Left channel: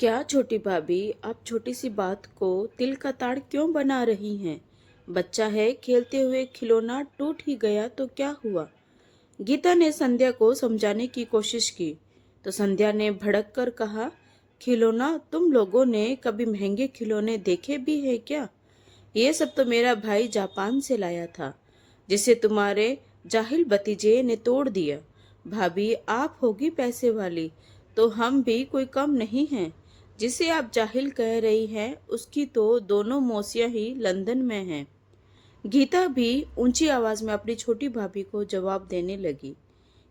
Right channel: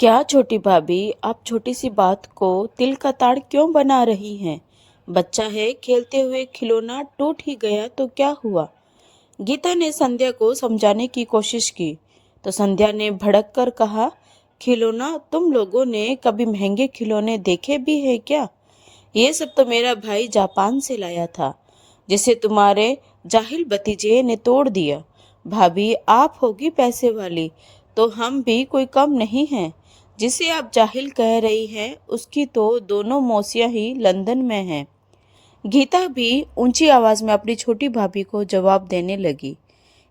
क्या छोटी भाभी, आप छोटी सी बात को तिल का ताड़ क्यों बना रही हैं? बच्चा है, खेलते हुए खिलौना टूट ही गया तो क्या हुआ? गीता ने संध्या को समझाने की कोशिश की तो संध्या ने भड़क कर कहा, खिलौना? तुम लोगों ने कभी महंगे खिलौने देखे भी हैं क्या? ये सब तो मेरा भाई जापान से लाया था, जिसे तुम्हारे जाहिल भतीजे ने तोड़ दिया। भाभी, आप होगी पैसे वाली, तो हम भी कोई कम नहीं हैं। जिसे आप जाहिल कह रही हैं, उसकी तो दोनों मौसियां ही लंदन में हैं। गीता भी ऊंची आवाज में अपनी छोटी भाभी को जवाब देने लगी।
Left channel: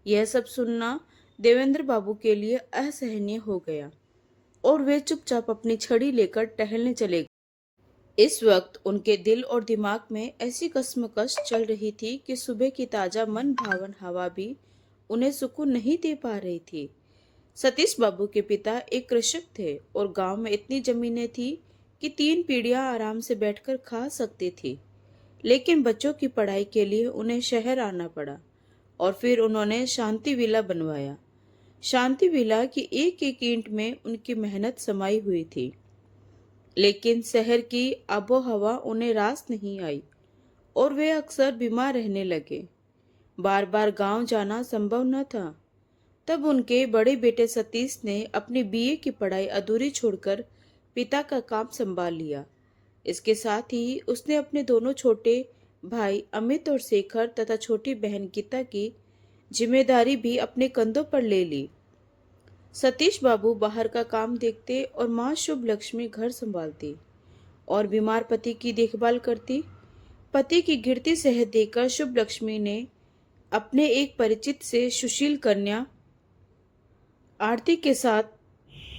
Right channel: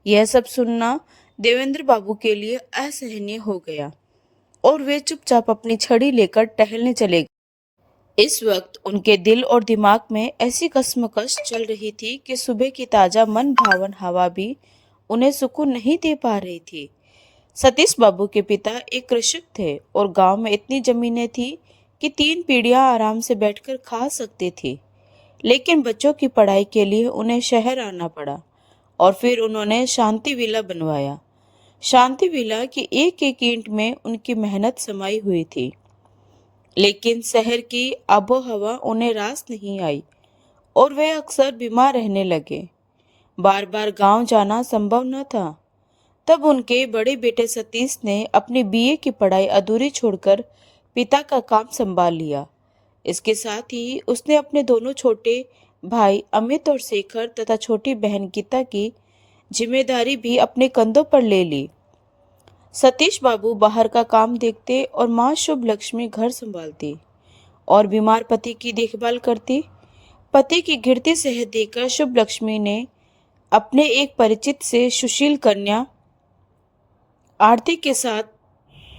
यह सब सुनना देवेंद्र बाबू के लिए असहनीय हो गया और वे चुपचाप अपनी छड़ी लेकर टहलने चले गए। इस वक्त उनके दिल और दिमाग में ऐसी कश्मकश चल रही थी कि सुबह की ताजा मन भावन हवा भी उन्हें सुकून नहीं दे पा रही थी। सतीश बाबू के पिता एक कृषक थे और गांव में इतनी जमीनें थी कि 3 पीढ़ियां आराम से बैठकर खा सकती थी। लेकिन बच्चों की पढ़ाई के लिए उन्हें शहर आना पड़ा और फिर उन्होंने शांति विला बनवाया। शांति विला की एक एक ईंट में उनकी मेहनत समाई हुई थी। लेकिन शहर की आबोहवा उन्हें रास नहीं आई और वे अक्सर बीमार रहने लगे। बार बार गांव जाना संभव न था। तब उनके बड़े बेटे सतीश ने अपनी बीए की पढ़ाई अधूरी छोड़कर पिता का काम संभाल लिया। इसके साथ ही उसने अपने दोनों छोटे भाई अमित और शेखर तथा छोटी बहन गीता की जिम्मेदारी भी अपने कंधों पर ले ली। सतीश बाबू बाहर का काम देखते और माँ शुभ लक्ष्मी घर संभालती और बीमार पति की देखभाल करती। पति की गिरती सेहत देखकर शुभ लक्ष्मी ने अपने एक परिचित से सुशील कन्या आरती के साथ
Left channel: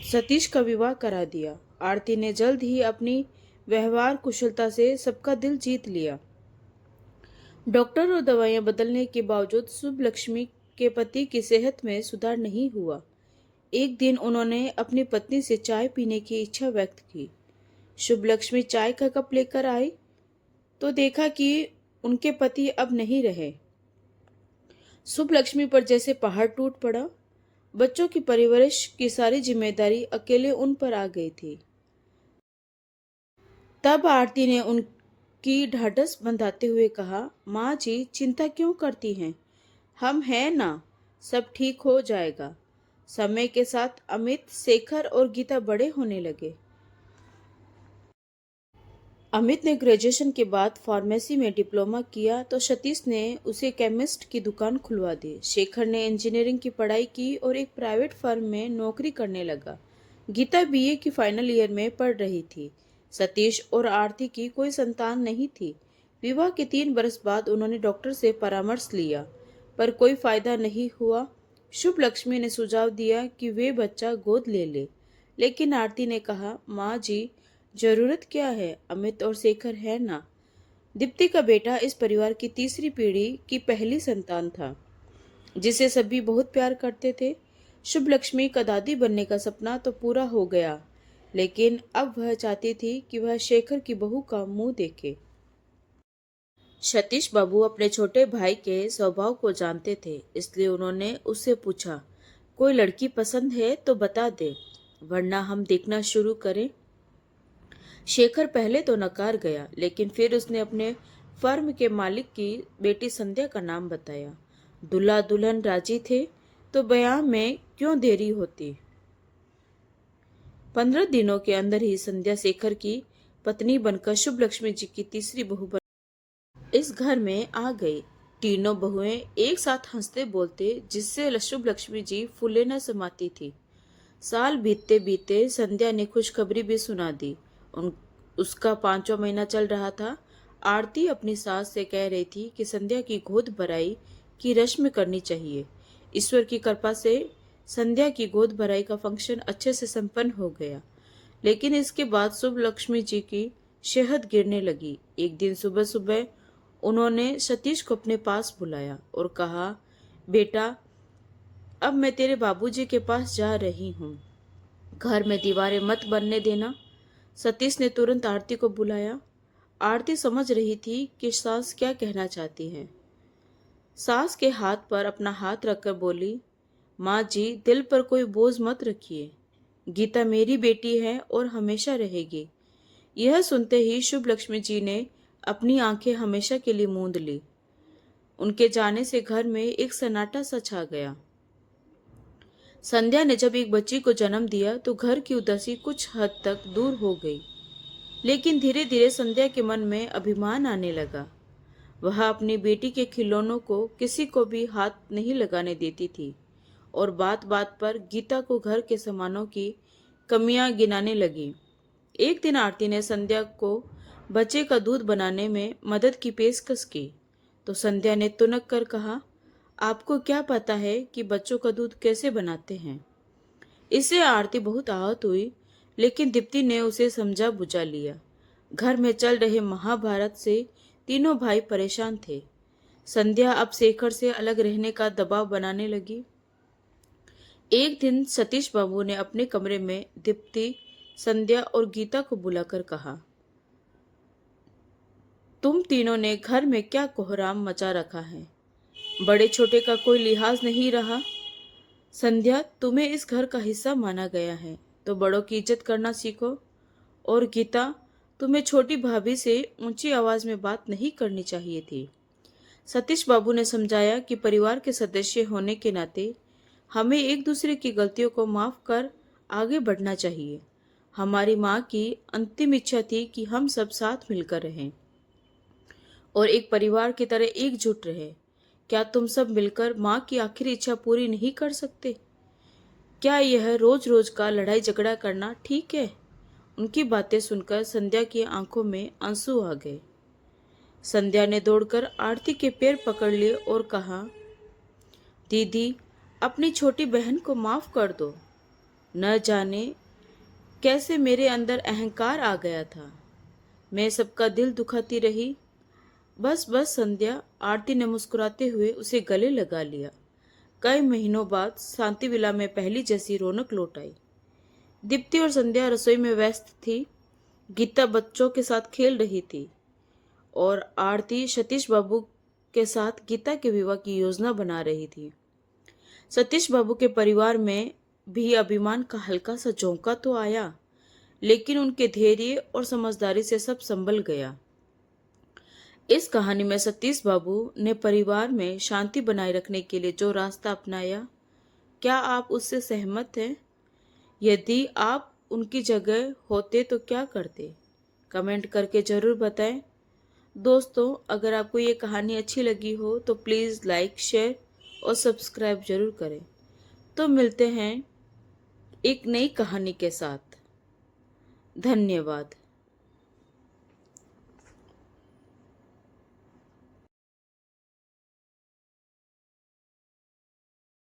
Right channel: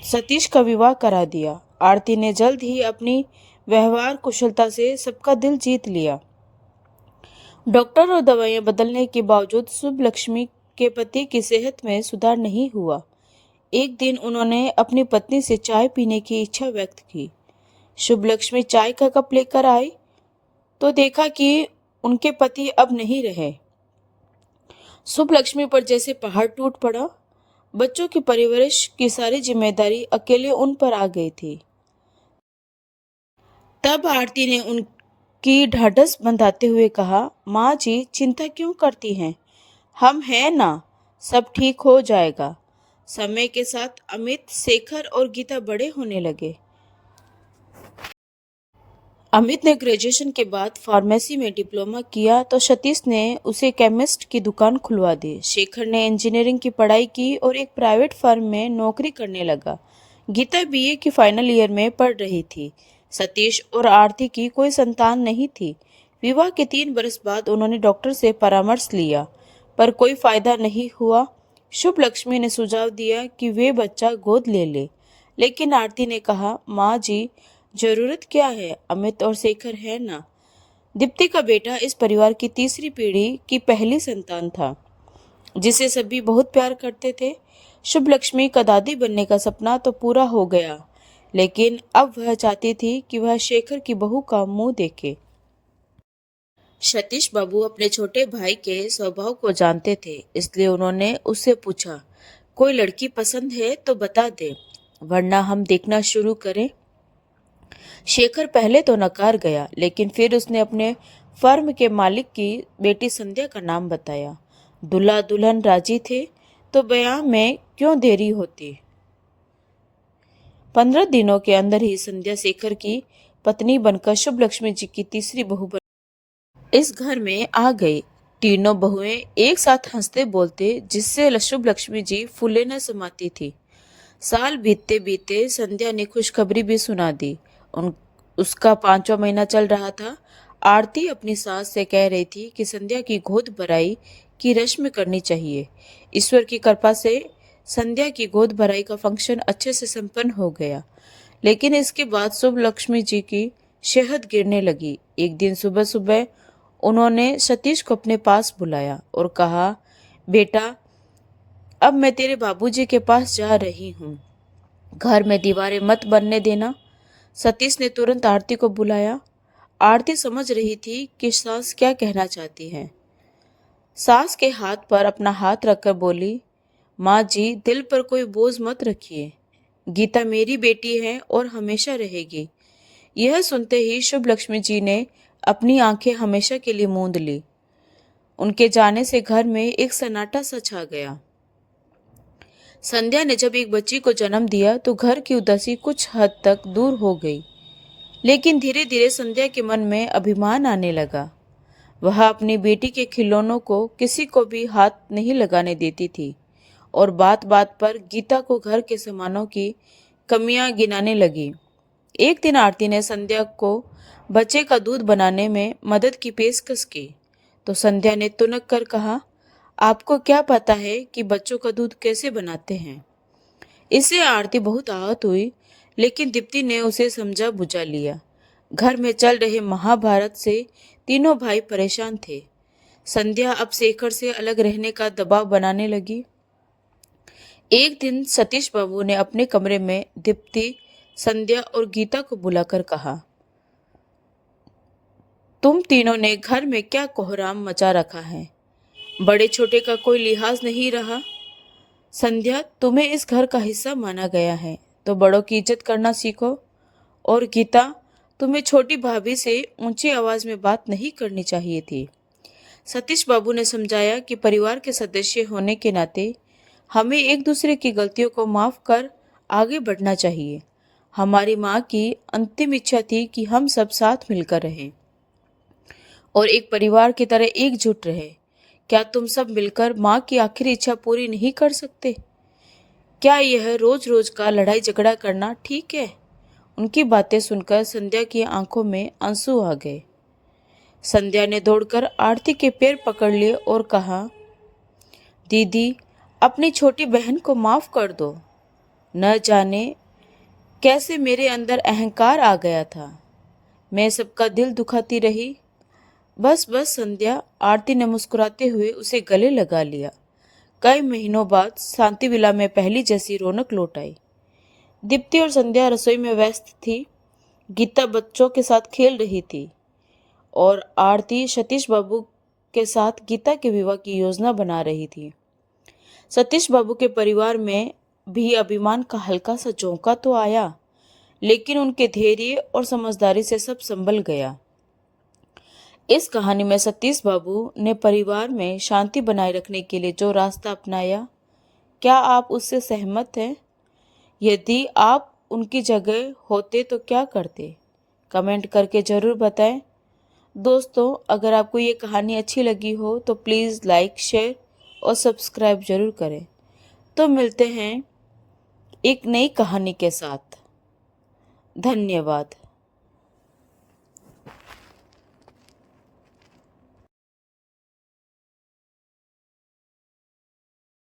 सतीश का विवाह करा दिया। आरती ने जल्द ही अपनी व्यवहार कुशलता से सबका दिल जीत लिया। डॉक्टर और दवाइयां बदलने के बावजूद शुभ लक्ष्मी के पति की सेहत में सुधार नहीं हुआ। एक दिन उन्होंने अपनी पत्नी से चाय पीने की इच्छा व्यक्त की। शुभ लक्ष्मी चाय का कप लेकर आई तो देखा कि उनके पति अब नहीं रहे। शुभ लक्ष्मी पर जैसे पहाड़ टूट पड़ा। बच्चों की परवरिश की सारी जिम्मेदारी अकेले उन पर आ गई थी। तब आरती ने उनकी ढाढ़स बंधाते हुए कहा, माँ जी, चिंता क्यों करती हैं? हम हैं ना, सब ठीक हो जाएगा। समय के साथ अमित, शेखर और गीता बड़े होने लगे। अमित ने ग्रेजुएशन के बाद फार्मेसी में डिप्लोमा किया तो सतीश ने उसे केमिस्ट की दुकान खुलवा दी। शेखर ने इंजीनियरिंग की पढ़ाई की और एक प्राइवेट फर्म में नौकरी करने लगा। गीता बीए की फाइनल ईयर में पढ़ रही थी। सतीश और आरती की कोई संतान नहीं थी। विवाह के 3 बरस बाद उन्होंने डॉक्टर से परामर्श लिया, पर कोई फायदा नहीं हुआ। शुभ लक्ष्मी ने सुझाव दिया कि वे बच्चा गोद ले ले, लेकिन आरती ने कहा, माँ जी, जरूरत क्या है, अमित और शेखर है ना। दीप्ति का बेटा इस परिवार की तीसरी पीढ़ी की पहली संतान था, जिसे सभी बहुत प्यार करते थे। शुभ लक्ष्मी का दादी बनने का सपना तो पूरा हो गया, लेकिन अब वह चाहती थी कि वह शेखर की बहू का मुंह देखे। सतीश बाबू अपने छोटे भाई के स्वभाव को जानते थे, इसलिए उन्होंने उससे पूछा, कोई लड़की पसंद है तो बता दे, वरना हम देखना शुरू करें। शेखर पहले तो नकार गया, लेकिन फिर उसने अपने फर्म के मालिक की बेटी संध्या का नाम बताया। दूल्हा दुल्हन राजी थे तो ब्याह में क्यों देरी होती। 15 दिनों के अंदर ही संध्या शेखर की पत्नी बनकर शुभ लक्ष्मी जी की तीसरी बहू बन इस घर में आ गई। तीनों बहुएं एक साथ हंसते बोलते, जिससे शुभ लक्ष्मी जी फूले न समाती थी। साल बीतते बीतते संध्या ने खुशखबरी भी सुना दी। उसका 5वां महीना चल रहा था। आरती अपनी सास से कह रही थी कि संध्या की गोद भराई की रस्म करनी चाहिए। ईश्वर की कृपा से संध्या की गोद भराई का फंक्शन अच्छे से संपन्न हो गया, लेकिन इसके बाद शुभ लक्ष्मी जी की सेहत गिरने लगी। एक दिन सुबह सुबह उन्होंने सतीश को अपने पास बुलाया और कहा, बेटा, अब मैं तेरे बाबूजी के पास जा रही हूँ। घर में दीवारें मत बनने देना। सतीश ने तुरंत आरती को बुलाया। आरती समझ रही थी कि सास क्या कहना चाहती है। सास के हाथ पर अपना हाथ रखकर बोली, माँ जी, दिल पर कोई बोझ मत रखिए। गीता मेरी बेटी है और हमेशा रहेगी। यह सुनते ही शुभ लक्ष्मी जी ने अपनी आंखें हमेशा के लिए मूंद ली। उनके जाने से घर में एक सन्नाटा सा छा गया। संध्या ने जब एक बच्ची को जन्म दिया तो घर की उदासी कुछ हद तक दूर हो गई, लेकिन धीरे धीरे संध्या के मन में अभिमान आने लगा। वह अपनी बेटी के खिलौनों को किसी को भी हाथ नहीं लगाने देती थी और बात बात पर गीता को घर के सामानों की कमियां गिनाने लगी। एक दिन आरती ने संध्या को बच्चे का दूध बनाने में मदद की पेशकश की तो संध्या ने तुनक कर कहा, आपको क्या पता है कि बच्चों का दूध कैसे बनाते हैं। इससे आरती बहुत आहत हुई, लेकिन दीप्ति ने उसे समझा बुझा लिया। घर में चल रहे महाभारत से तीनों भाई परेशान थे। संध्या अब शेखर से अलग रहने का दबाव बनाने लगी। एक दिन सतीश बाबू ने अपने कमरे में दीप्ति, संध्या और गीता को बुलाकर कहा, तुम तीनों ने घर में क्या कोहराम मचा रखा है। बड़े छोटे का कोई लिहाज नहीं रहा। संध्या, तुम्हें इस घर का हिस्सा माना गया है तो बड़ों की इज्जत करना सीखो। और गीता, तुम्हें छोटी भाभी से ऊंची आवाज में बात नहीं करनी चाहिए थी। सतीश बाबू ने समझाया कि परिवार के सदस्य होने के नाते हमें एक दूसरे की गलतियों को माफ कर आगे बढ़ना चाहिए। हमारी माँ की अंतिम इच्छा थी कि हम सब साथ मिलकर रहें और एक परिवार की तरह एकजुट रहे। क्या तुम सब मिलकर माँ की आखिरी इच्छा पूरी नहीं कर सकते? क्या यह रोज रोज का लड़ाई झगड़ा करना ठीक है? उनकी बातें सुनकर संध्या की आंखों में आंसू आ गए। संध्या ने दौड़कर आरती के पैर पकड़ लिए और कहा, दीदी, अपनी छोटी बहन को माफ कर दो। न जाने कैसे मेरे अंदर अहंकार आ गया था। मैं सबका दिल दुखाती रही। बस बस संध्या, आरती ने मुस्कुराते हुए उसे गले लगा लिया। कई महीनों बाद शांति विला में पहली जैसी रौनक लौट आई। दीप्ति और संध्या रसोई में व्यस्त थी। गीता बच्चों के साथ खेल रही थी और आरती सतीश बाबू के साथ गीता के विवाह की योजना बना रही थी। सतीश बाबू के परिवार में भी अभिमान का हल्का सा झोंका तो आया, लेकिन उनके धैर्य और समझदारी से सब संभल गया। इस कहानी में सतीश बाबू ने परिवार में शांति बनाए रखने के लिए जो रास्ता अपनाया, क्या आप उससे सहमत हैं? यदि आप उनकी जगह होते तो क्या करते? कमेंट करके ज़रूर बताएं। दोस्तों, अगर आपको ये कहानी अच्छी लगी हो तो प्लीज़ लाइक, शेयर और सब्सक्राइब ज़रूर करें। तो मिलते हैं एक नई कहानी के साथ। धन्यवाद।